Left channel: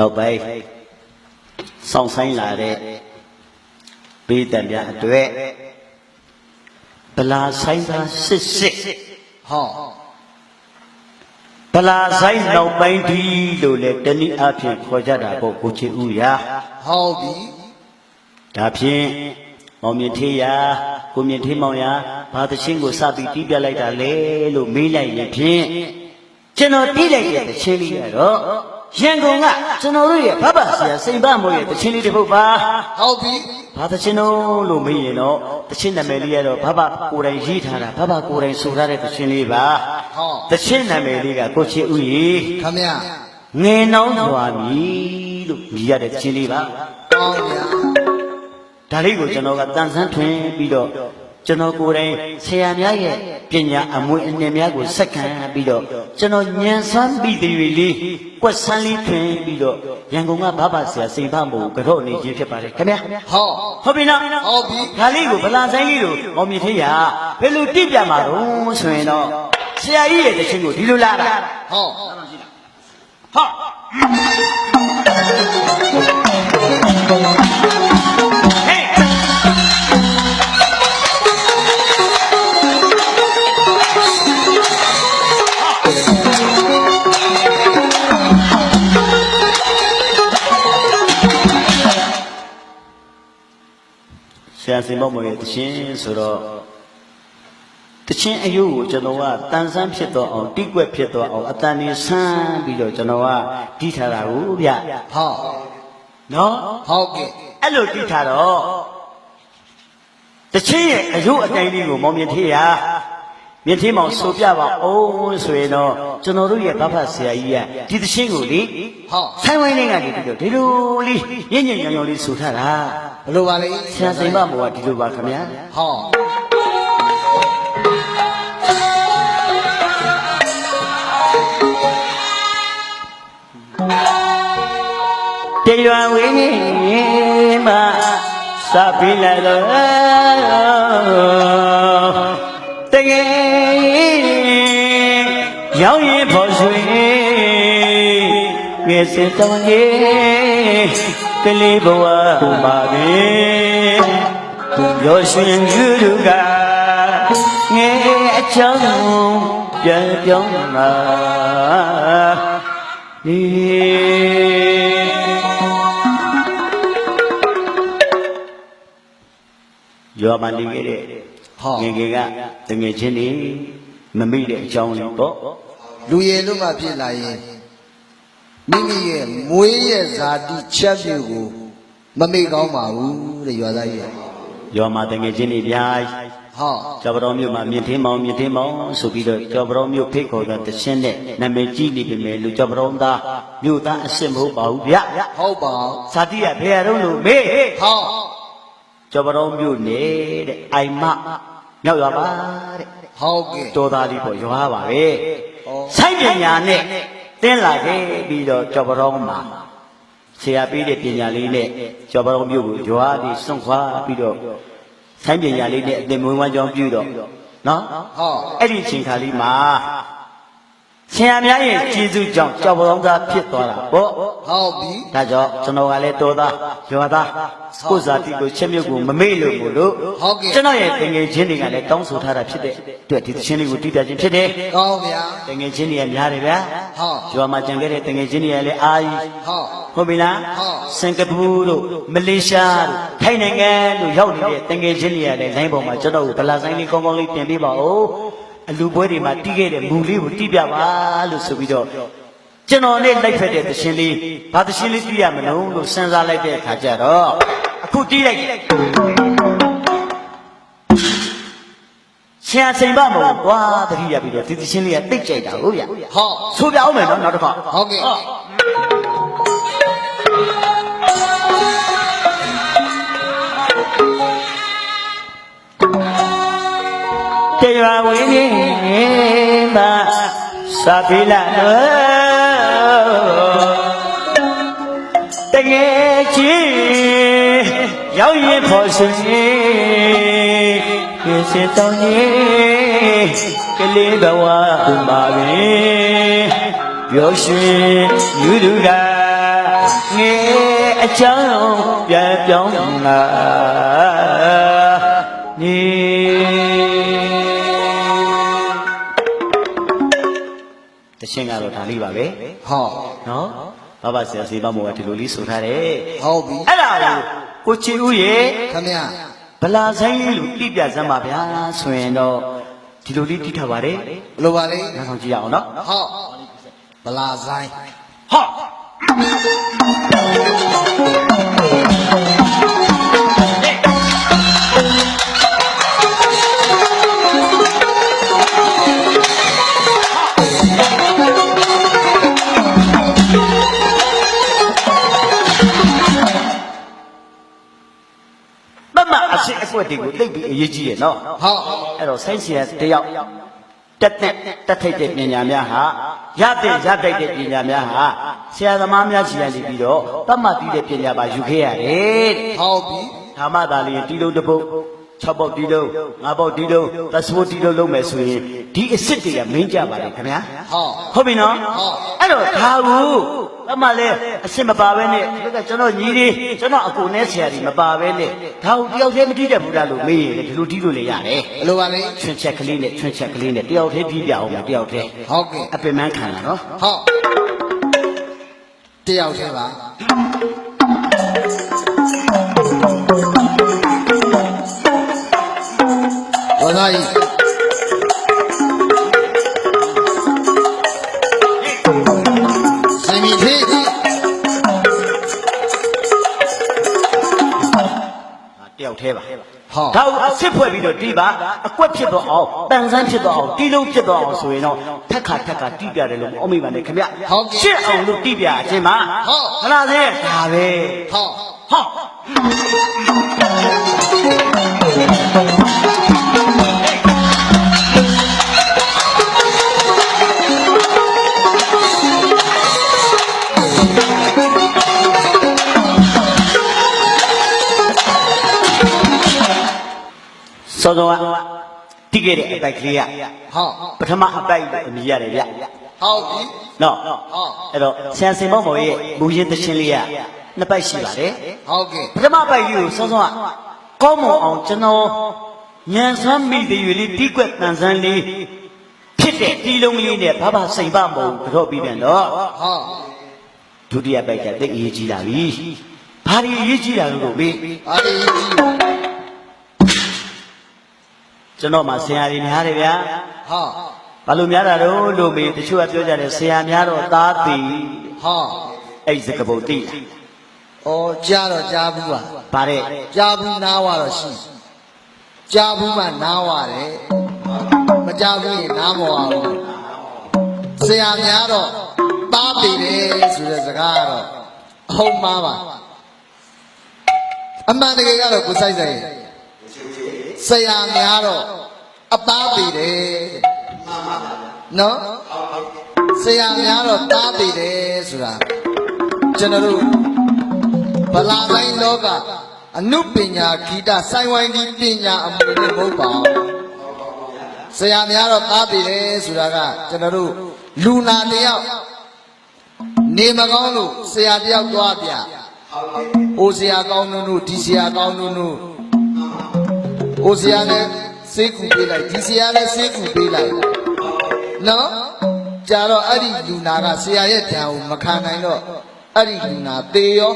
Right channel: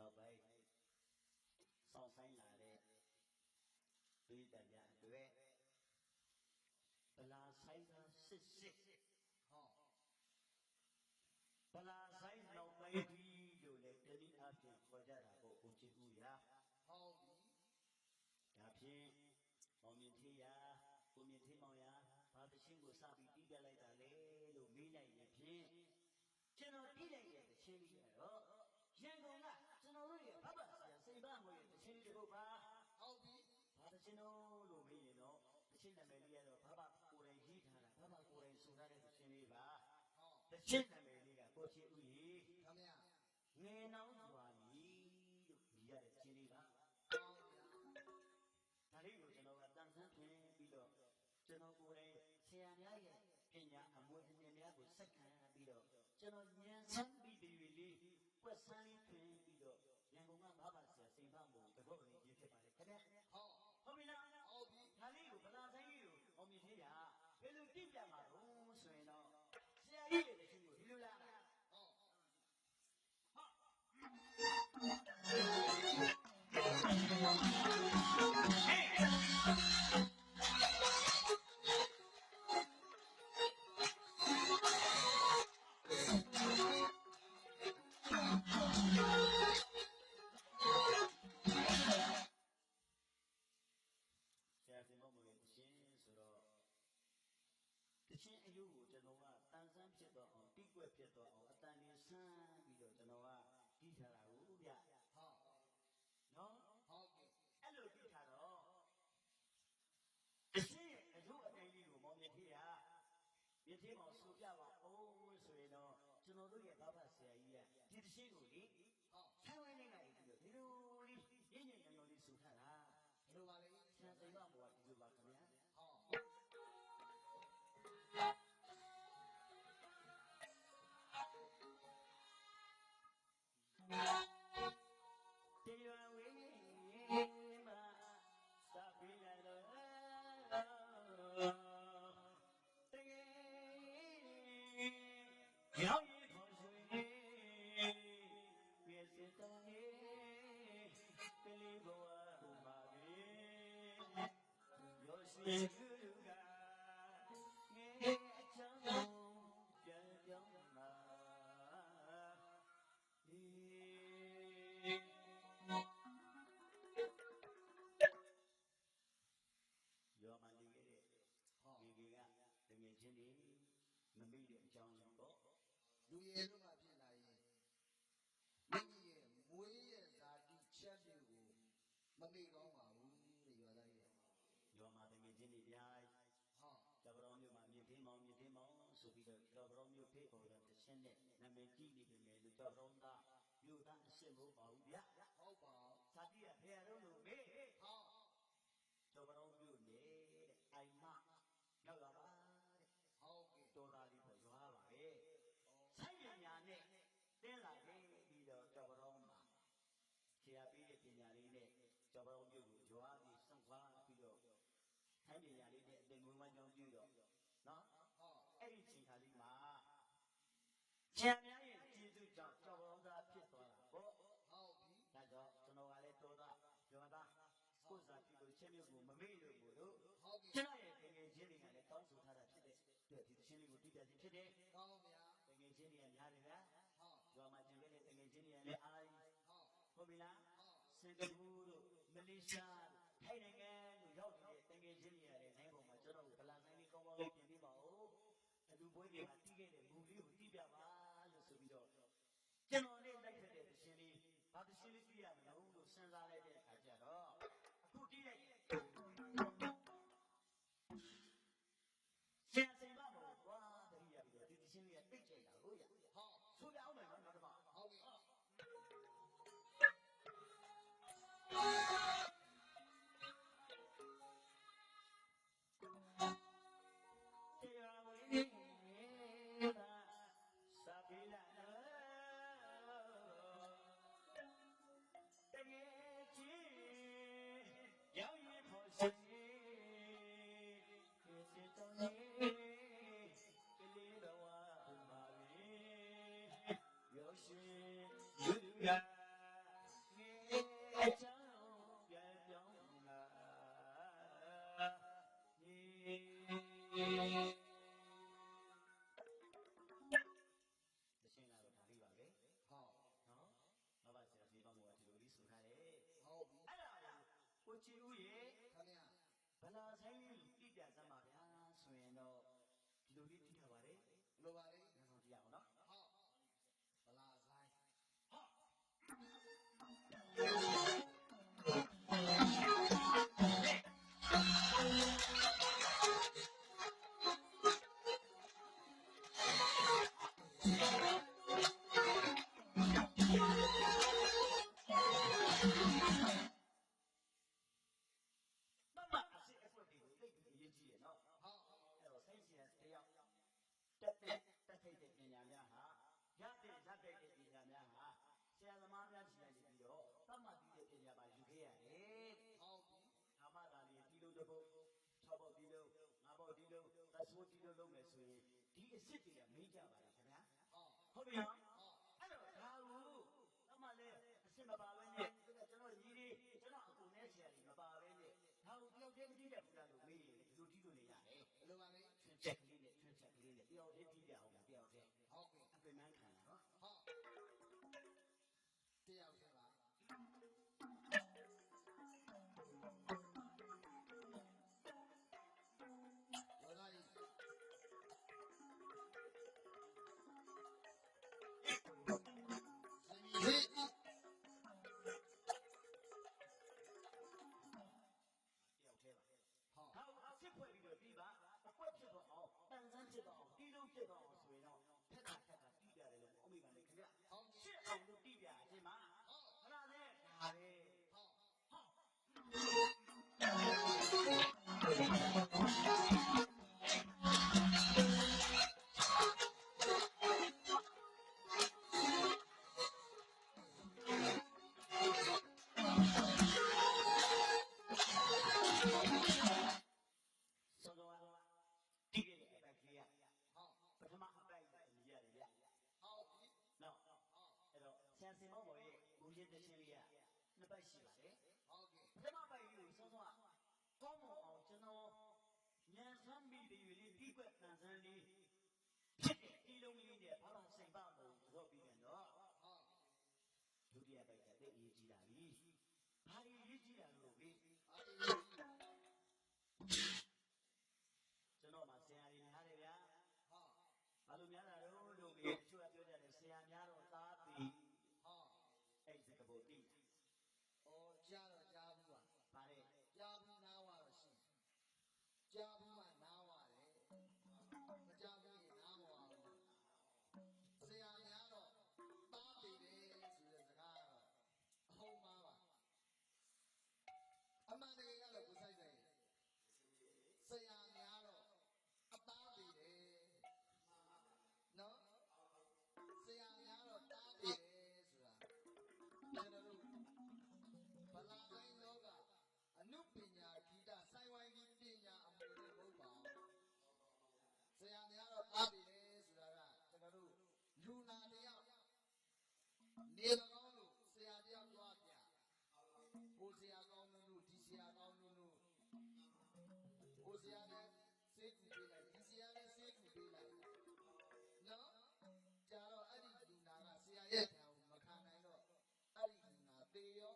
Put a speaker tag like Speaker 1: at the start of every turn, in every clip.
Speaker 1: နောက်ပိုင်းစောင့်ဆိုင်လာတဲ့ပေးတံပြအတွေ့ဗလာဆိုင်သာစစ်စစ်
Speaker 2: ဟော
Speaker 1: ဗလာဆိုင်နောက်ပိုင်းဒီလို့လေတနည်းအားဖြင့်ခေါ်ကြတာပေါ့ကိုချီဦးရာ
Speaker 2: ဟောပြီ
Speaker 1: ဒါဖြင့်မောင်မြင့်ထေးရာကိုမြင့်ထေးမောင်ရာဘာသချင်းကိုစပြီးတီးပြလိုက်တာလေလို့မေးလိုက်ရင်ဖြင့်ကျွန်တော်တီးလိုက်တဲ့သချင်းလေးကတော့ ရန်ကုန်ကကျွန်တော်တို့ရဲ့ဘဘဆရာစိန်ပမိုးရဲ့သချင်းလေးတစ်ပုဒ်ပါ
Speaker 2: ဟောပြီ
Speaker 1: ဘာသချင်းတော့လို့မေးရင်တော့သချင်းနာမည်လေးကတော့ဘဘကိုယ်တိုင်ရေးထားတာဘဘကိုယ်တိုင်ဆိုထားတဲ့သချင်းလေးပါ
Speaker 2: ဟော
Speaker 1: သချင်းနာမည်လေးကကိုချစ်ဦးရေ
Speaker 2: ခမရ
Speaker 1: ငယ်နှောင်းစွာမည်လို့မြည်ရတဲ့သချင်းလေးပါ
Speaker 2: ကောင်းဗျာ
Speaker 1: ဒါလေးကိုကျွန်တော်ကတန်ဆန်းထွင်ပြီးတော့ ကျွန်တော်ကိုယ်တိုင်ဆရာများရဲ့ပညာအမွေအနှစ်များကိုစက္ကန့်ပြီးတော့ကျွန်တော်ညံဆန်းပြီးတွေလေးကွက်ဆန်းလေးထွင်ပြီးတော့ရန်ကုန်ကဘဘဆရာစိန်ဖမို့ကတော့အနေချင်းဖြစ်ပါတယ်ခင်ဗျာ
Speaker 2: ဟော
Speaker 1: ဟုတ်ပြီနော်
Speaker 2: ဟုတ်ပြီ
Speaker 1: ဒါလေးကိုဗလာဆိုင်လေးကိုမောင်မြင့်ထေးရဘယ်လိုတိပြမှာတော့ဆိုရင်တော့ဆရာကြီးရဲ့တခြင်းကိုဒီလိုလာတာ
Speaker 2: ဟော
Speaker 1: ဟာဟေး ဆရာစင်မောင်မောင်ရဲ့တခြင်းဆိုတော့တခြင်းအယုကိုကျွန်တော်ကတန်ဆန်းဖြစ်တော့အောင်တိကွက်ဖြစ်တော့အောင်အတန်နေဆန်းပြီးတော့ကျွန်တော်ကတီးထားတာကိုဗျ
Speaker 2: ဟော
Speaker 1: နော်
Speaker 2: ဟုတ်ကဲ့
Speaker 1: အဲ့လိုတီးထားတော့တချင်းရဲ့အယုအတိုင်းလေးကိုမောင်မြင့်ထေးရ မြင့်ထေးမောင်ဆိုပြပါအောင်ဆိုရင်တော့ကျွန်တော်တို့ရဲ့ဘဖဆရာကြီးကဒီတချင်းကိုလေ
Speaker 2: ဟော
Speaker 1: ဆိုင်ဝိုင်းလေးကနေပြီးတော့ဒီလိုလေးညင်ညင်ညောင်ညောင်လေးဆိုထားတာ
Speaker 2: ဘယ်လိုပါလဲ
Speaker 1: ဆရာစိန်မမောကဒီလိုပါခင်ဗျာ
Speaker 2: ဟော
Speaker 1: တရွာဝင်းကြီးမှာစပြီးလာတော့ တကယ်ရောက်ရင်ဖို့ဆွေငယ်စစ်တောင်းကြီးကလေးဘဝမှာပဲရောရှင်ယူလူကငယ်အချောင်းပြန်ပြောင်းလာဒီယောမနေခဲ့တဲ့
Speaker 2: ဟော
Speaker 1: ငယ်ငယ်ကတငယ်ချင်းနေမမိတဲ့အကြောင်းလေးပေါ့
Speaker 2: လူရည်လို့မှဖြစ်လာရင်မိမိရဲ့မွေးရဲ့ဇာတိချက်ပြုတ်ကိုမမေ့ကောင်းပါဘူးတဲ့ရွာသားကြီး
Speaker 1: ယောမတငယ်ချင်းနေပြား
Speaker 2: ဟော
Speaker 1: ကျော်ပတော်မြို့မှာမြင့်ထင်းမောင်မြင့်ထင်းမောင်ဆိုပြီးတော့ကျော်ပတော်မြို့ဖိတ်ခေါ်တဲ့တခြင်းနဲ့နာမည်ကြီးနေပြီမယ်လူကျော်ပတော်သားမြို့သားအစ်စ်မဟုတ်ပါဘူးဗျ
Speaker 2: ဟုတ်ပါ
Speaker 1: ဇာတိကဘယ်ရတော့လို့မေး
Speaker 2: ဟော
Speaker 1: ကျော်ပတော်မြို့နေတဲ့အိုင်မမြောက်ရွာပါတဲ့
Speaker 2: ဟုတ်ကဲ့
Speaker 1: တော်သားလေးပေါ့ရွာပါပဲ
Speaker 2: ဩ
Speaker 1: ဆိုင်ပညာနဲ့တင်းလာခဲ့ပြီးတော့ကျော်ပတော်မှာဆရာပေးတဲ့ပညာလေးနဲ့ကျော်ပတော်မြို့ကိုရွာပြီးစွန့်ခွာပြီးတော့ဆိုင်ပညာလေးနဲ့အသင်မွေးဝမ်းကြောင်းပြုတော့နော်
Speaker 2: ဟော
Speaker 1: အဲ့ဒီအချိန်ခါလေးမှာ ဆရာများရဲ့ကျေးဇူးကြောင့်ကျော်ပတော်သားဖြစ်သွားတာပေါ့
Speaker 2: ဟုတ်ပြီ
Speaker 1: ဒါကြောင့်ကျွန်တော်ကလည်းတော်သားရွာသားကိုယ်စားတိကိုချက်မြုပ်ကိုမမေ့လို့ကိုလို့
Speaker 2: ဟုတ်ကဲ့
Speaker 1: ကျွန်တော်ရဲ့တငယ်ချင်းတွေကလည်းတောင်းဆိုထားတာဖြစ်တဲ့အတွက်ဒီသချင်းလေးကိုတည်ပြခြင်းဖြစ်တယ်
Speaker 2: ကောင်းဗျာ
Speaker 1: တငယ်ချင်းတွေကများတယ်ဗျာ
Speaker 2: ဟုတ်
Speaker 1: ရွာမှာကြံခဲ့တဲ့တငယ်ချင်းတွေကလည်းအာကြီး
Speaker 2: ဟုတ်
Speaker 1: ဟုတ်ပြီလား
Speaker 2: ဟုတ်
Speaker 1: စင်ကာပူတို့မလေးရှားတို့ထိုင်းနိုင်ငံတို့ရောက်နေတဲ့တငယ်ချင်းတွေကလည်းလိုင်းပေါ်မှာကျွန်တော်ကိုဗလာဆိုင်လေးကောင်းကောင်းလေးပြင်ပေးပါဦး အလူပွဲတွေမှာတီးခဲ့တဲ့မူလေးကိုတီးပြပါလို့ဆိုပြီးတော့ကျွန်တော်နဲ့လိုက်ဖက်တဲ့သရှင်လေးဘာသရှင်လေးတီးရမလို့လို့စဉ်းစားလိုက်တဲ့အခါကျတော့အခုတီးလိုက်ဆရာစိန်ပမဟုတ်ကွာတတိယပြီးတော့ဒီသရှင်လေးကတိတ်ကြိုက်တာဟုတ်ဗျ
Speaker 2: ဟော
Speaker 1: ဆိုပြအောင်မယ်နော်နောက်တစ်ခါ
Speaker 2: ဟုတ်ကဲ့
Speaker 1: တရွာဝင်းကြီးမှာစာပိလာတော့တကယ်ချင်းရောက်ရင်ဖို့စင်ဒီစတောင်းကြီးကလေးဘဝဥမာပဲပြောရှင်ယူသူကငယ်အချမ်းပြန်ပြောင်းလာ ရှင်းကတော့ဒါလေးပါပဲ
Speaker 2: ဟော
Speaker 1: နော်ဘာဘာဆရာစီမမောကဒီလိုလေးဆိုထားတယ်
Speaker 2: ဟုတ်ပြီ
Speaker 1: အဲ့ဒါကိုကိုချီဦးရဲ့
Speaker 2: ခမရ
Speaker 1: ဗလာဆိုင်လေးလို့ပြပြစမ်းပါဗျာဆိုရင်တော့ဒီလိုလေးတိထားပါတယ်
Speaker 2: ဘလို့ပါလဲ
Speaker 1: နောက်ဆောင်ကြည့်ရအောင်နော်
Speaker 2: ဟောဗလာဆိုင်
Speaker 1: ဟာမ ကွက်တွေကိုသိပ်ပြီးအရေးကြီးရနော်
Speaker 2: ဟော
Speaker 1: အဲ့တော့ဆိုင်းစီရတယောက်တက်တဲ့တက်ထိုက်တဲ့ပညာများဟာရတဲ့ရတိုက်တဲ့ပညာများဟာဆရာသမားများစီရနေပြီးတော့တတ်မှတ်ပြီးတဲ့ပညာပါယူခဲ့ရတယ်တဲ့
Speaker 2: ဟုတ်ပြီ
Speaker 1: ဓမ္မသာလျင်တီလုံးတစ်ပုတ် 6ပုတ်တီလုံး5ပုတ်တီလုံးသစပိုးတီလုံးလုံးမယ်ဆိုရင်ဒီအစ်စ်တွေကမင်းကြပါလေခင်ဗျာ
Speaker 2: ဟော
Speaker 1: ဟုတ်ပြီနော်
Speaker 2: ဟုတ်
Speaker 1: အဲ့တော့ဒါဘူးအမှလည်းအစ်စ်မပါဘဲနဲ့ဒီကကျွန်တော်ညီလေးကျွန်တော်အကူနဲ့ဆရာကြီးမပါဘဲနဲ့ဒါကိုတယောက်တည်းမတီးတတ်ဘူးလားလို့မေးရင်လည်းဒီလိုတီးလို့လည်းရတယ်
Speaker 2: ဘလို့ပါလဲ
Speaker 1: ချွန်းချက်ကလေးနဲ့ချွန်းချက်ကလေးနဲ့တယောက်တည်းတီးပြအောင်မယ်တယောက်တည်း
Speaker 2: ဟုတ်ကဲ့
Speaker 1: အပင်မခံလာနော်
Speaker 2: ဟောတယောက်တည်းပါ သားကြီးစင်မီသေး
Speaker 1: ဒါတယောက်တည်းပါ
Speaker 2: ဟော
Speaker 1: ဒါကိုအစ်စ်ဖွဲ့ပြီးတော့တီးပါအကွက်ဖြစ်တော့အောင်တန်ဆန်းဖြစ်တော့အောင်တီးလုံးဖြစ်တော့အောင်ဆိုရင်တော့ထက်ခါထက်ခါတီးပြတယ်လို့အမိပါနဲ့ခင်ဗျရှစ်အောင်လို့တီးပြအချင်းပါဟလားသေးဒါပဲ
Speaker 2: ဟော
Speaker 1: ဟော စောစောကတိခဲ့တဲ့အပိုက်ကလေးက
Speaker 2: ဟော
Speaker 1: ပထမအပိုက်ကိုအမိရတယ်ဗျ
Speaker 2: ဟုတ်ပြီ
Speaker 1: နော်
Speaker 2: ဟုတ်
Speaker 1: အဲ့တော့ဆန်စင်မောင်မောင်ရဲ့မူရင်းသချင်းလေးကနှစ်ပိုက်ရှိပါတယ်
Speaker 2: ဟုတ်ကဲ့
Speaker 1: ပထမပိုက်လေးကိုစောစောကကောင်းမွန်အောင်ကျွန်တော်ညံဆမ်းမိတဲ့ယူလေးတီးကွက်တန်ဆန်းလေးဖြစ်တဲ့တီးလုံးလေးနဲ့ဘာဘာစိန်ပမဟုတ်ကြော့ပြီးပြန်တော့
Speaker 2: ဟော
Speaker 1: ဒုတိယပိုက်ကတိတ်အရေးကြီးလာပြီဘာဒီအရေးကြီးလာလို့မေး
Speaker 2: အားရကြီး
Speaker 1: ကျွန်တော်မှဆရာကြီးများတယ်ဗျာ
Speaker 2: ဟော
Speaker 1: ဘာလို့များတာတော့လို့မေးတချို့ကပြောကြတယ်ဆရာများတော့သားတည်
Speaker 2: ဟော
Speaker 1: အဲ့ဒီစကပုတ်တိ
Speaker 2: ဩကြားတော့ကြားဘူးပါ
Speaker 1: ဗါတဲ့
Speaker 2: ကြားဘူးနားဝါတော့ရှိကြားဘူးမှနားဝါတယ်မကြားဘူးရင်နားမဝါဘူးဆရာများတော့တားပေတယ်ဆိုတဲ့စကားကတော့အဟုတ်မှားပါအမှန်တကယ်ကတော့ကိုစိုက်စိုက်ဆရာများတော့ အသားပေတယ်နော်ဆရာများတော့တားပေတယ်ဆိုတာကျွန်တော်တို့ဗလာတိုင်းလောကအနုပညာဂီတစိုင်းဝိုင်းကြီးပညာအမှုနဲ့မဟုတ်ပါဘူးဆရာများတော့သားပြီလေဆိုတာကကျွန်တော်တို့လူနာတယောက်နေမကောင်းလို့ဆရာတယောက်သွားပြဟိုဆရာကောင်းနုနုဒီဆရာကောင်းနုနုဟိုဆရာလည်း စေးကူပေးလိုက်ဒီဆရာလည်းစေးကူပေးလိုက်နော်ကြတော့အဲ့ဒီလူနာကဆရာရဲ့ဓာတ်ကိုမခံနိုင်တော့အဲ့ဒီလူနာသေရော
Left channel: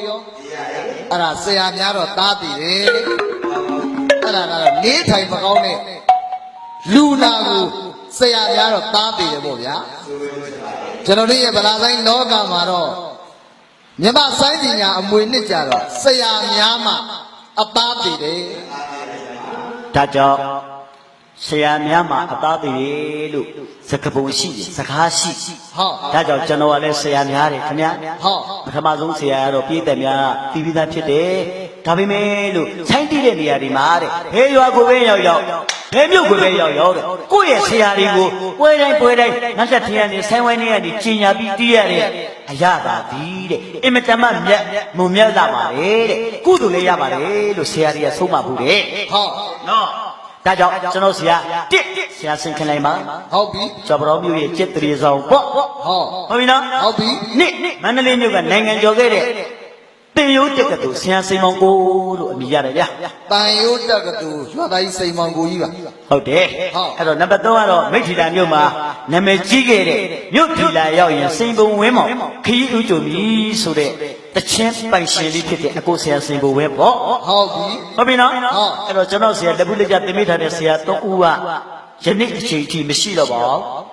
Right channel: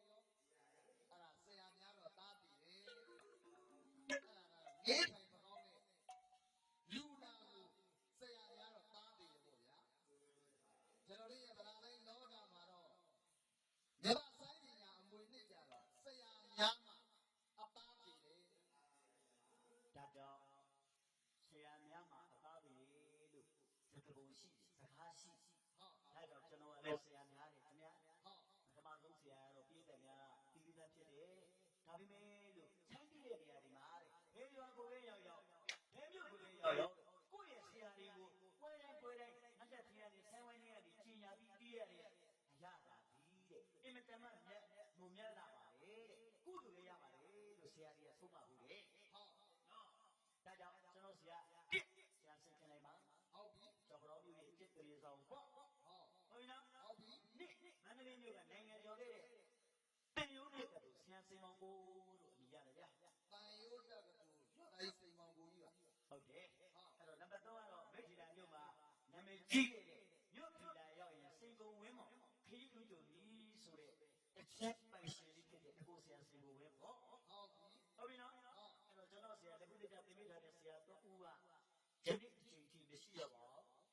Speaker 2: အဲ့ဒါဆရာများတော့သားတည်တယ်အဲ့ဒါကတော့နေထိုင်မကောင်းတဲ့လူနာကိုဆရာများတော့သားတည်တယ်ပေါ့ဗျာကျွန်တော်တို့ရဲ့ဗလာဆိုင်လောကမှာတော့မြမဆိုင်ပညာအမွေနှစ်ကြတော့ဆရာများမှအသားတည်တယ်
Speaker 1: ဒါကြောင့် ဆရာများမှာအသားသေးလို့စကပုံရှိတယ်စကားရှိ
Speaker 2: ဟုတ်
Speaker 1: ဒါကြောင့်ကျွန်တော်ကလည်းဆရာများတယ်ခင်ဗျာ
Speaker 2: ဟုတ်
Speaker 1: ပထမဆုံးဆရာကတော့ပြည်သက်များပြီးပြီးသားဖြစ်တယ်ဒါပေမဲ့လို့ဆိုင်းတိတဲ့နေရာဒီမှာတဲ့ဘယ်ရွာကိုပဲရောက်ရောက်ဘယ်မြို့ကိုပဲရောက်ရောက်တဲ့ကိုယ့်ရဲ့ဆရာတွေကိုပွဲတိုင်းပွဲတိုင်းနောက်ဆက်ထင်းကနေဆိုင်းဝိုင်းနေကနေကျင်ညာပြီးတီးရတဲ့အရာသာသည်တဲ့အင်မတန်မှမြတ်မုံမြတ်လာပါလေတဲ့ကုသိုလ်လည်းရပါတယ်လို့ဆရာကြီးကဆုံးမဘူးတဲ့
Speaker 2: ဟုတ်
Speaker 1: နော် ဒါကြောင့်ကျွန်တော်ဆရာတစ်ဆရာဆင်ခင်လိုက်ပါ
Speaker 2: ဟုတ်ပြီ
Speaker 1: ကျော်ပတော်မြို့ရဲ့จิตတရေဆောင်ပေါ့
Speaker 2: ဟော
Speaker 1: ဟုတ်ပြီနော်
Speaker 2: ဟုတ်ပြီ
Speaker 1: နေ့မန္တလေးမြို့ကနိုင်ငံကျော်ခဲ့တဲ့ တင်ရိုးတက်ကတူဆရာစိန်မောင်ကိုလို့အမည်ရတယ်ဗျာ
Speaker 2: တန်ရိုးတက်ကတူရွာသားကြီးစိန်မောင်ကိုကြီးပါ
Speaker 1: ဟုတ်တယ်
Speaker 2: ဟုတ်
Speaker 1: အဲ့တော့နံပါတ်3ကတော့မိထီလာမြို့မှာနာမည်ကြီးခဲ့တဲ့မြို့ထီလာရောက်ရင်စိန်ပုံဝင်းမောင်ခရီးဦးကြုံပြီဆိုတဲ့တချင်းပိုင်ရှင်လေးဖြစ်တဲ့အကိုဆရာစိန်ပုံဝဲပေါ့
Speaker 2: ဟုတ်ပြီ
Speaker 1: ဟုတ်ပြီနော်
Speaker 2: ဟုတ်
Speaker 1: အဲ့တော့ကျွန်တော်ဆရာလက်ပုလက်ကြတင်မိထားတဲ့ဆရာ၃ဦးကယနေ့အချိန်ထိမရှိတော့ပါဘူး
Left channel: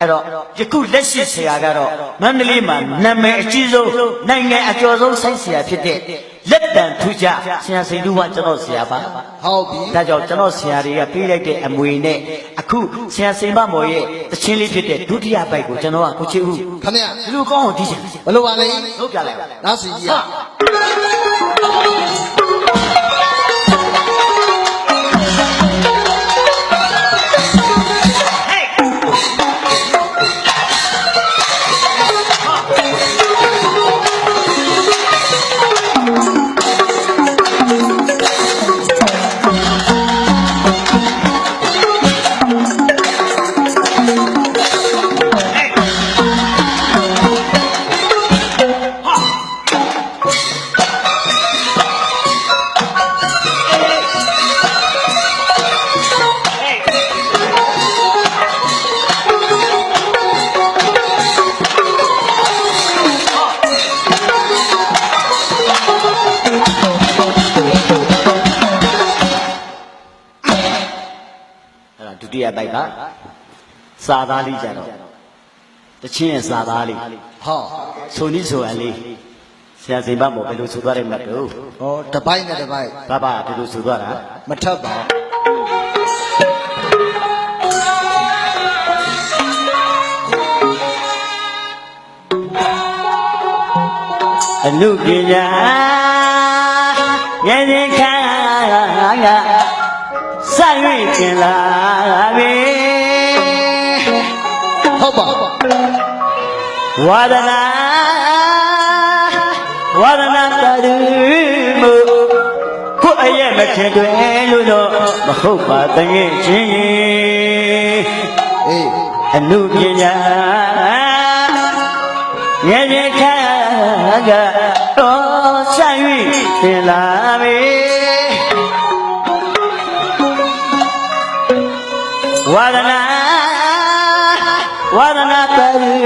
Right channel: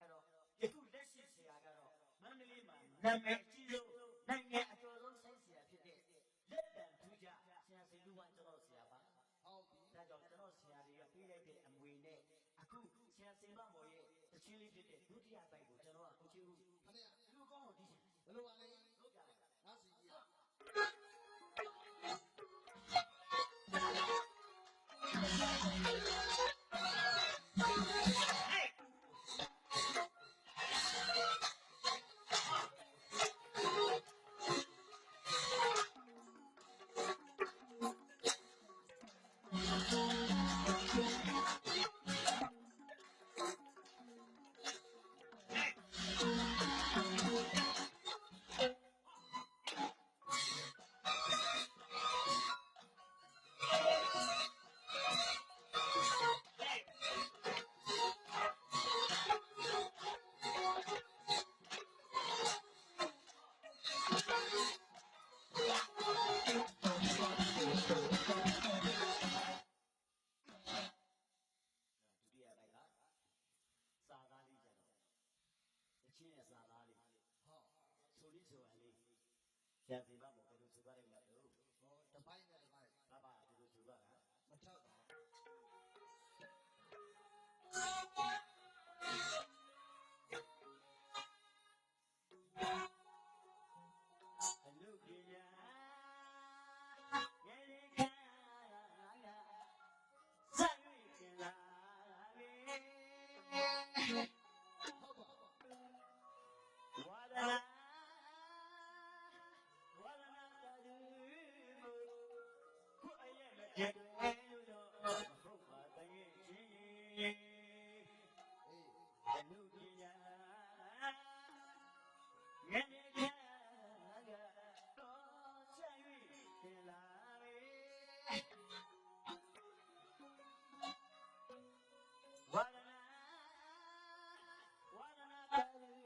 Speaker 1: အဲ့တော့ယခုလက်ရှိဆရာကတော့မန္တလေးမှာနာမည်အကြီးဆုံးနိုင်ငံအကျော်ဆုံးဆိုင်းဆရာဖြစ်တဲ့လက်တံထူးကြဆရာစိန်တူကကျွန်တော်ဆရာပါ
Speaker 2: ဟုတ်ပြီ
Speaker 1: ဒါကြောင့်ကျွန်တော်ဆရာတွေကပေးလိုက်တဲ့အမွေနဲ့အခုဆရာစိန်မမော်ရဲ့တချင်းလေးဖြစ်တဲ့ဒုတိယပိုက်ကိုကျွန်တော်ကကိုချစ်ဦး
Speaker 2: ခမရ
Speaker 1: ဒီလိုကောင်းအောင်ဒီချင်
Speaker 2: ဘယ်လိုပါလဲ
Speaker 1: ဟုတ်ပြလိုက်ပါ
Speaker 2: နားစီကြီး
Speaker 1: စာသားလေးကြတော့တချင်းရဲ့စာသားလေး
Speaker 2: ဟော
Speaker 1: ဆိုနီးဆိုအလေးဆရာစိန်မမော်ဘယ်လိုဆိုသွားတယ်မတ်တို့
Speaker 2: ဟောတပိုက်နဲ့တပိုက်
Speaker 1: ဘာဘာဒီလိုဆိုသွားတာ
Speaker 2: မထပ်ပါ
Speaker 1: အနုပညာရဲ့ရင်ခါကစ၍ပြင်လာပြီ
Speaker 2: ဟုတ် ပါ
Speaker 1: ဝါဒနာဝါဒနာတရူမူကိုအရဲ့မထင်တွင်လို့တော့မဟုတ်ပါတငယ်ချင်း
Speaker 2: အေး
Speaker 1: အနုပညာရဲ့ရင်ခါကတော့စ၍ပြင်လာ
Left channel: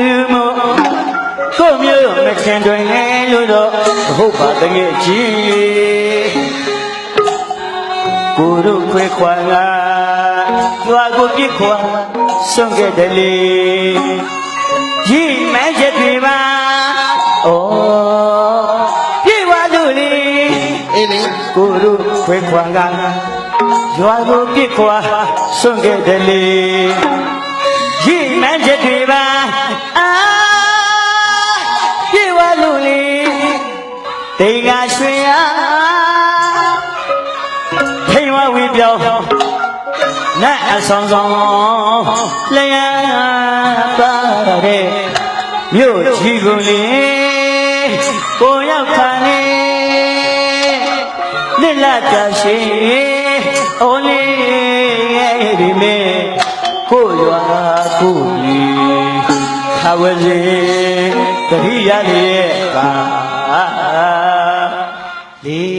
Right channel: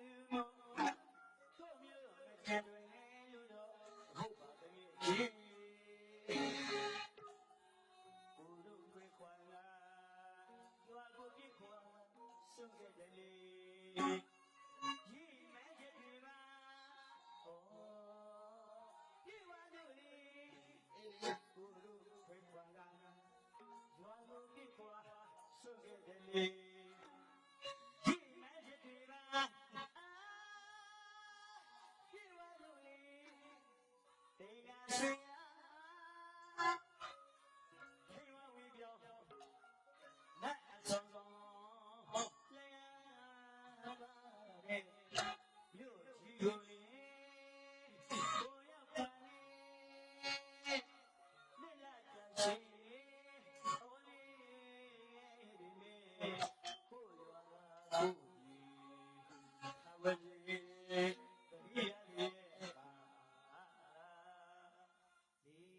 Speaker 1: တရူမူကိုမျိုးမထင်တွင်လို့တော့မဟုတ်ပါတငယ်ချင်းကိုတို့ခွဲခွာကကြွားကိုပြစ်ခွာဆုံးခဲ့တယ်လေရီမဲချက်တွေပါဩပြေဝါသူလေ
Speaker 2: အေးလေ
Speaker 1: ကိုတို့ခွဲခွာကရွာကိုပြစ်ခွာဆုံးခဲ့တယ်လေရီမဲချက်တွေပါ တိမ်ကရွှေရထိန်ဝဝီပြောင်းနတ်အဆောင်ဆောင်လျာပါတဲ့မြို့ကြီးကိုလေကိုရောက်ခါနေလက်လာတရှိအိုးလေးရဲ့ဒီမေကိုရွာကိုကြီးခဝစီတတိယလေးရဲ့ကာ လေး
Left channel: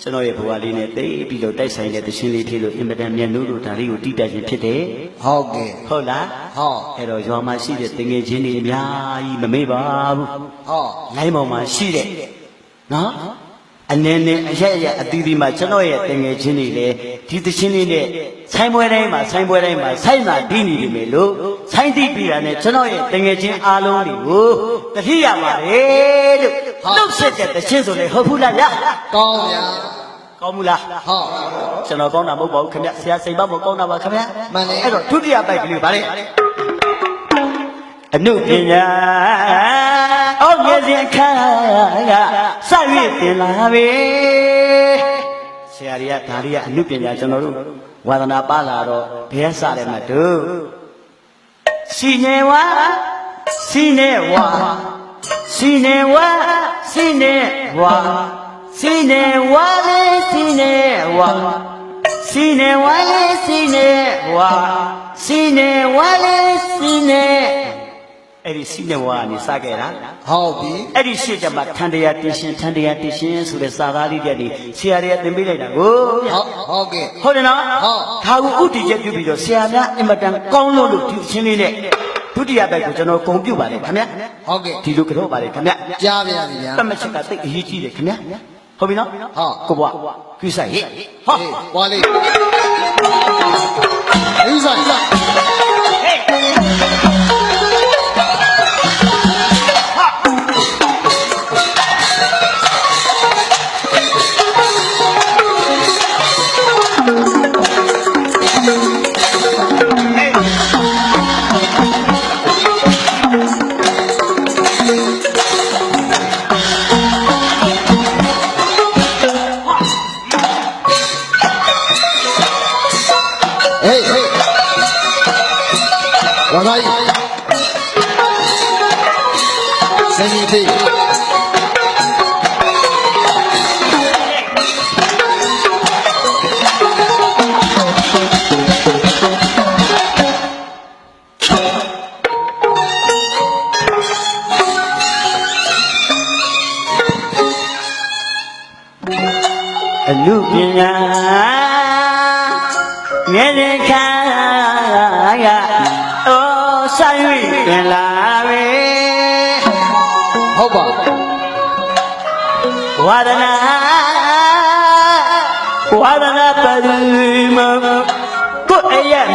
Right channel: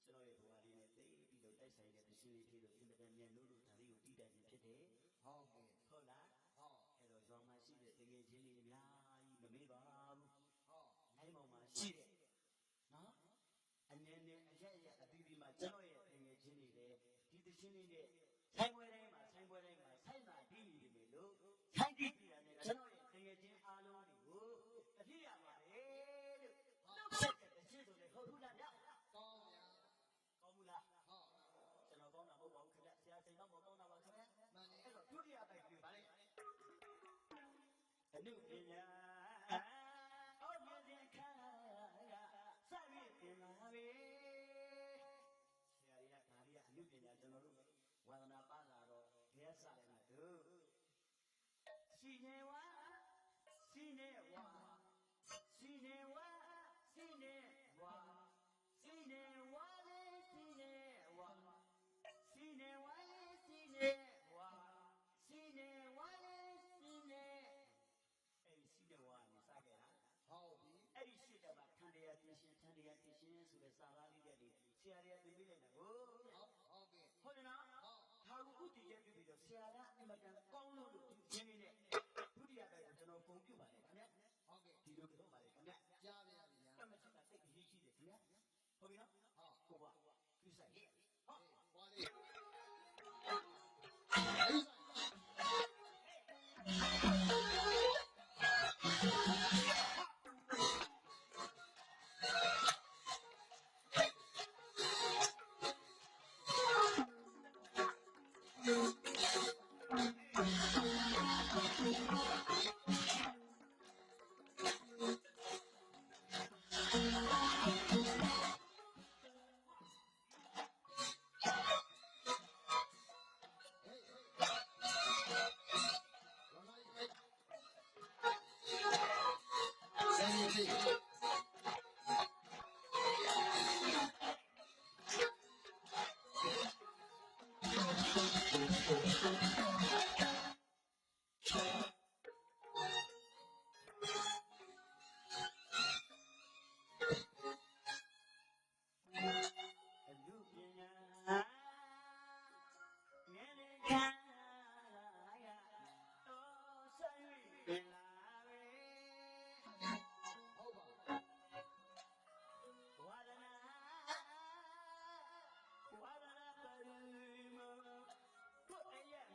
Speaker 1: ကျွန်တော်ရဲ့ဘဝလေးနဲ့တိတ်ပြီးတော့တိုက်ဆိုင်တဲ့သရှင်လေးထေလို့အင်မတန်မြတ်နိုးလို့ဒါလေးကိုတိတက်ခြင်းဖြစ်တယ်
Speaker 2: ဟုတ်ကဲ့
Speaker 1: ဟုတ်လား
Speaker 2: ဟော
Speaker 1: အဲ့တော့ရွာမှာရှိတဲ့တငယ်ချင်းတွေအများကြီးမမေ့ပါဘူး
Speaker 2: ဟော
Speaker 1: လိုင်းပေါ်မှာရှိတဲ့နော်အနေနဲ့အရက်ရက်အသီးသီးမှာကျွန်တော်ရဲ့တငယ်ချင်းတွေလည်း ဒီသချင်းလေးနဲ့ဆိုင်ပွဲတိုင်းမှာဆိုင်ပွဲတိုင်းမှာဆိုင်မှာတီးနေပြီမေလို့ဆိုင်တီးပြီးတာနဲ့ကျွန်တော်ရဲ့တငယ်ချင်းအားလုံးတွေကိုတတိယပါလေလို့နှုတ်ဆက်တဲ့သချင်းဆိုလေဟုတ်ဘူးလားဗျ
Speaker 2: ကောင်းဗျာ
Speaker 1: ကောင်းဘူးလား
Speaker 2: ဟော
Speaker 1: ကျွန်တော်ကောင်းတာမဟုတ်ပါဘူးခင်ဗျဆရာစိန်ပါမကောင်းတာပါခင်ဗျ
Speaker 2: မှန်တယ်
Speaker 1: အဲ့တော့ဒုတိယပိုက်ကလေးဗါလေအနုပညာအောက်မျက်စိအခါကစ၍တင်လာပြီဆ ရာကြီးကဒါလေးကအနုပညာကျွန်တော်တို့ဝါသနာပါလာတော့ဘယ်စတယ်မတို့စီနေဝါစီနေဝါစီနေဝါစီနေဝါစီနေဝါလေးစီနေဝါစီနေဝါလေးစီနေဝါစီနေဝါလေးစီနေ အဲ့ဒီစီနေဝါကနေစခဲ့တာ
Speaker 2: ဟုတ်ပြီ
Speaker 1: အဲ့ဒီရှေ့ကျမှထန်တရားတင်ရှင်ထန်တရားတင်ရှင်ဆိုတဲ့စာသားလေးတွေဆရာတွေကသင်ပေးလိုက်တာကိုဗျ
Speaker 2: ဟုတ်ဟုတ်ကဲ့
Speaker 1: ဟုတ်တယ်နော်
Speaker 2: ဟုတ်
Speaker 1: ဒါကိုဥတီချက်ပြုပြီးတော့ဆရာများအင်မတန်ကောင်းလို့လို့ဒီချင်းလေးနဲ့ဒုတိယဘက်ကိုကျွန်တော်ဂုံပြုပါတယ်ခင်ဗျ
Speaker 2: ဟုတ်ကဲ့
Speaker 1: ဒီလိုကြောပါတယ်ခင်ဗျ
Speaker 2: ကြားပါရစေဗျာ
Speaker 1: တတ်မချက်ကတိတ်အရေးကြီးတယ်ခင်ဗျဟုတ်ပြီနော်
Speaker 2: ဟုတ်
Speaker 1: ကိုဘွားကိစ္စဟေ့ဟာ
Speaker 2: ဟေးပွားလေးအေးဆိုင်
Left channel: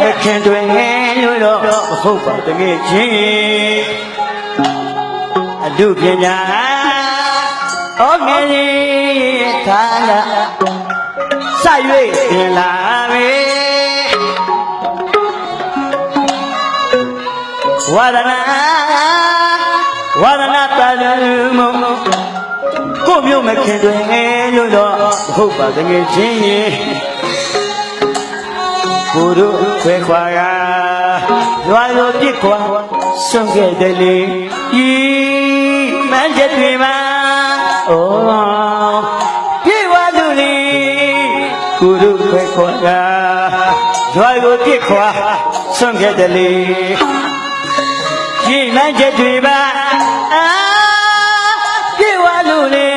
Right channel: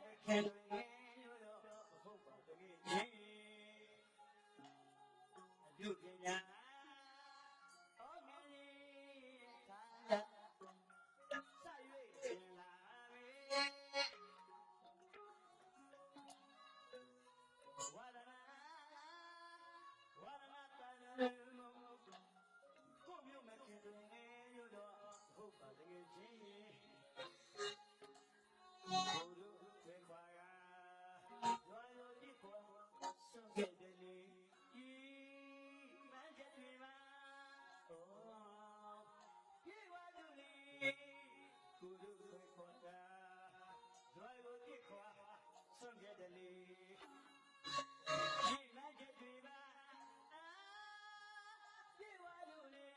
Speaker 1: ယ်အရမခင်တွင်ငယ်လို့တော့မဟုတ်ပါတကယ်ချင်းအလူပညာဩငယ်ရဲ့ခါလာစ၍ပြန်လာပဲဝါဒနာဝါဒနာပရိမကိုမျိုးမခင်တွင်ငယ်လို့တော့မဟုတ်ပါတကယ်ချင်းရင် ကိုတို့ခွဲခွာရာရွာလိုပြစ်ခွာဆုံးခဲ့တယ်လေဤမန်းချက်တွေမှာအိုးပြေဝလူလီကိုတို့ခွဲခွာရာရွာလိုပြစ်ခွာဆုံးခဲ့တယ်လေဤမန်းချက်တွေမှာအာပြေဝလူလီ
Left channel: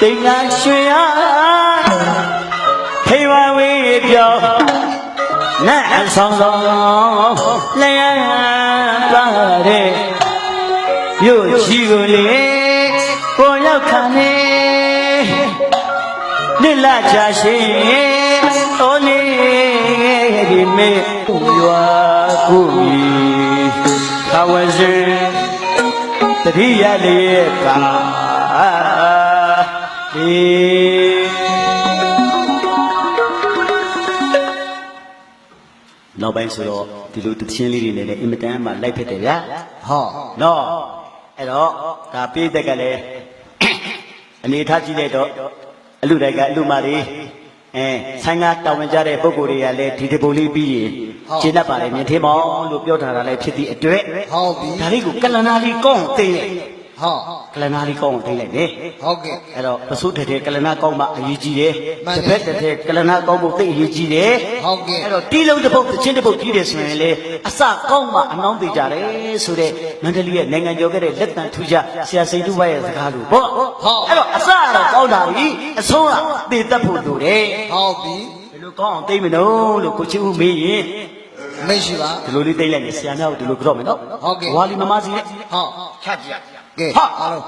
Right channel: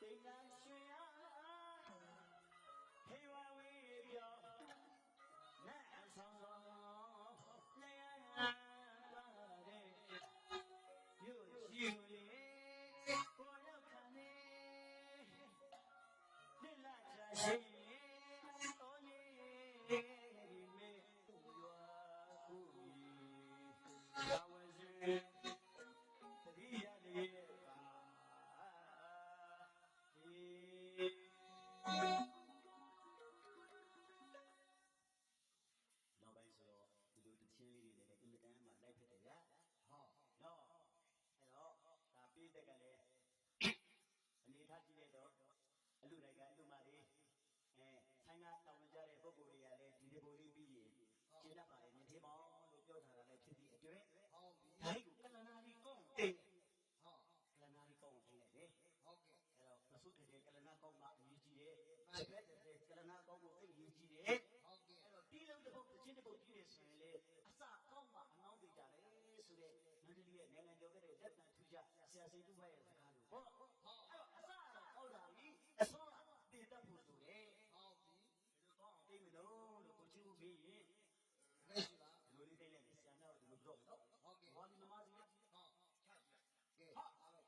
Speaker 1: တိတ်ငါရွှေရဖေဝဝေးပြော နတ်အဆောင်ဆောင်လျာပါတဲ့မြို့ကြီးကိုလေကိုရောက်ခါနေနိလချာရှိအိုးနေဒီမေရွာကိုမီခဝဇင်တတိယလေးကာဒီ နောက်ပိုင်းဆိုတော့ဒီလိုတချင်းလေးတွေနဲ့လည်းအင်မတန်မှလိုက်ဖြစ်တယ်ဗျာ
Speaker 2: ဟော
Speaker 1: နော်အဲ့တော့ဒါပိသက်ကလည်းအနေထားကြည့်လိုက်တော့အလူတိုင်ကအလူမတွေအဲဆိုင်ကတောင်းဝင်ကြတဲ့ပုံကိုယ်တွေကလည်းဒီတပုံလေးပြီးရင်ကျင်းတတ်ပါလေမြင်သေးမောင်လို့ပြောထားတာလည်းဖြစ်သည့်အတွက်
Speaker 2: ဟုတ်ပြီ
Speaker 1: ဒါလေးကိုကလနာလေးကောင်းသိလိုက်
Speaker 2: ဟော
Speaker 1: ကလနာလေးကောင်းသိလိုက်လေ
Speaker 2: ဟုတ်ကဲ့
Speaker 1: အဲ့တော့ပစုတဲ့တဲ့ကလနာကောင်းမှအရေးကြီးတယ်
Speaker 2: မှန်
Speaker 1: တ
Speaker 2: တယ်
Speaker 1: ပည့်တဲ့ကလနာကောင်းဖို့သိအရေးကြီးတယ်
Speaker 2: ဟုတ်ကဲ့
Speaker 1: အဲ့တော့တီးလုံးတစ်ပုတ်တစ်ချင်းတစ်ပုတ်ကြီးတယ်ဆိုရင်လေအစကောင်းမှအနှောင်းသေးကြတယ်ဆိုတဲ့မန္တလေးရဲ့နိုင်ငံကျော်ခဲ့တဲ့လက်တန်ထူးခြားဆရာစိန်တူဘရဲ့စကားလိုပေါ့
Speaker 2: ဟုတ်
Speaker 1: အဲ့တော့အစကတော့ကောင်းတာပြီအဆုံးကသေတတ်ဖို့လိုတယ်
Speaker 2: ဟုတ်ပြီ
Speaker 1: ဘယ်လိုကောင်းအောင်သိမ့်မလို့လို့ကိုချစ်ဦးမေးရင်
Speaker 2: မရှိပါ
Speaker 1: ဒီလိုလေးသိမ့်လိုက်နေဆရာများကိုဒီလိုကြောက်မယ်နော်
Speaker 2: ဟုတ်ကဲ့
Speaker 1: ဝါလီမမစီနဲ့
Speaker 2: ဟော
Speaker 1: ချကြည့်
Speaker 2: ကဲ
Speaker 1: ဟာ
Speaker 2: အားလုံး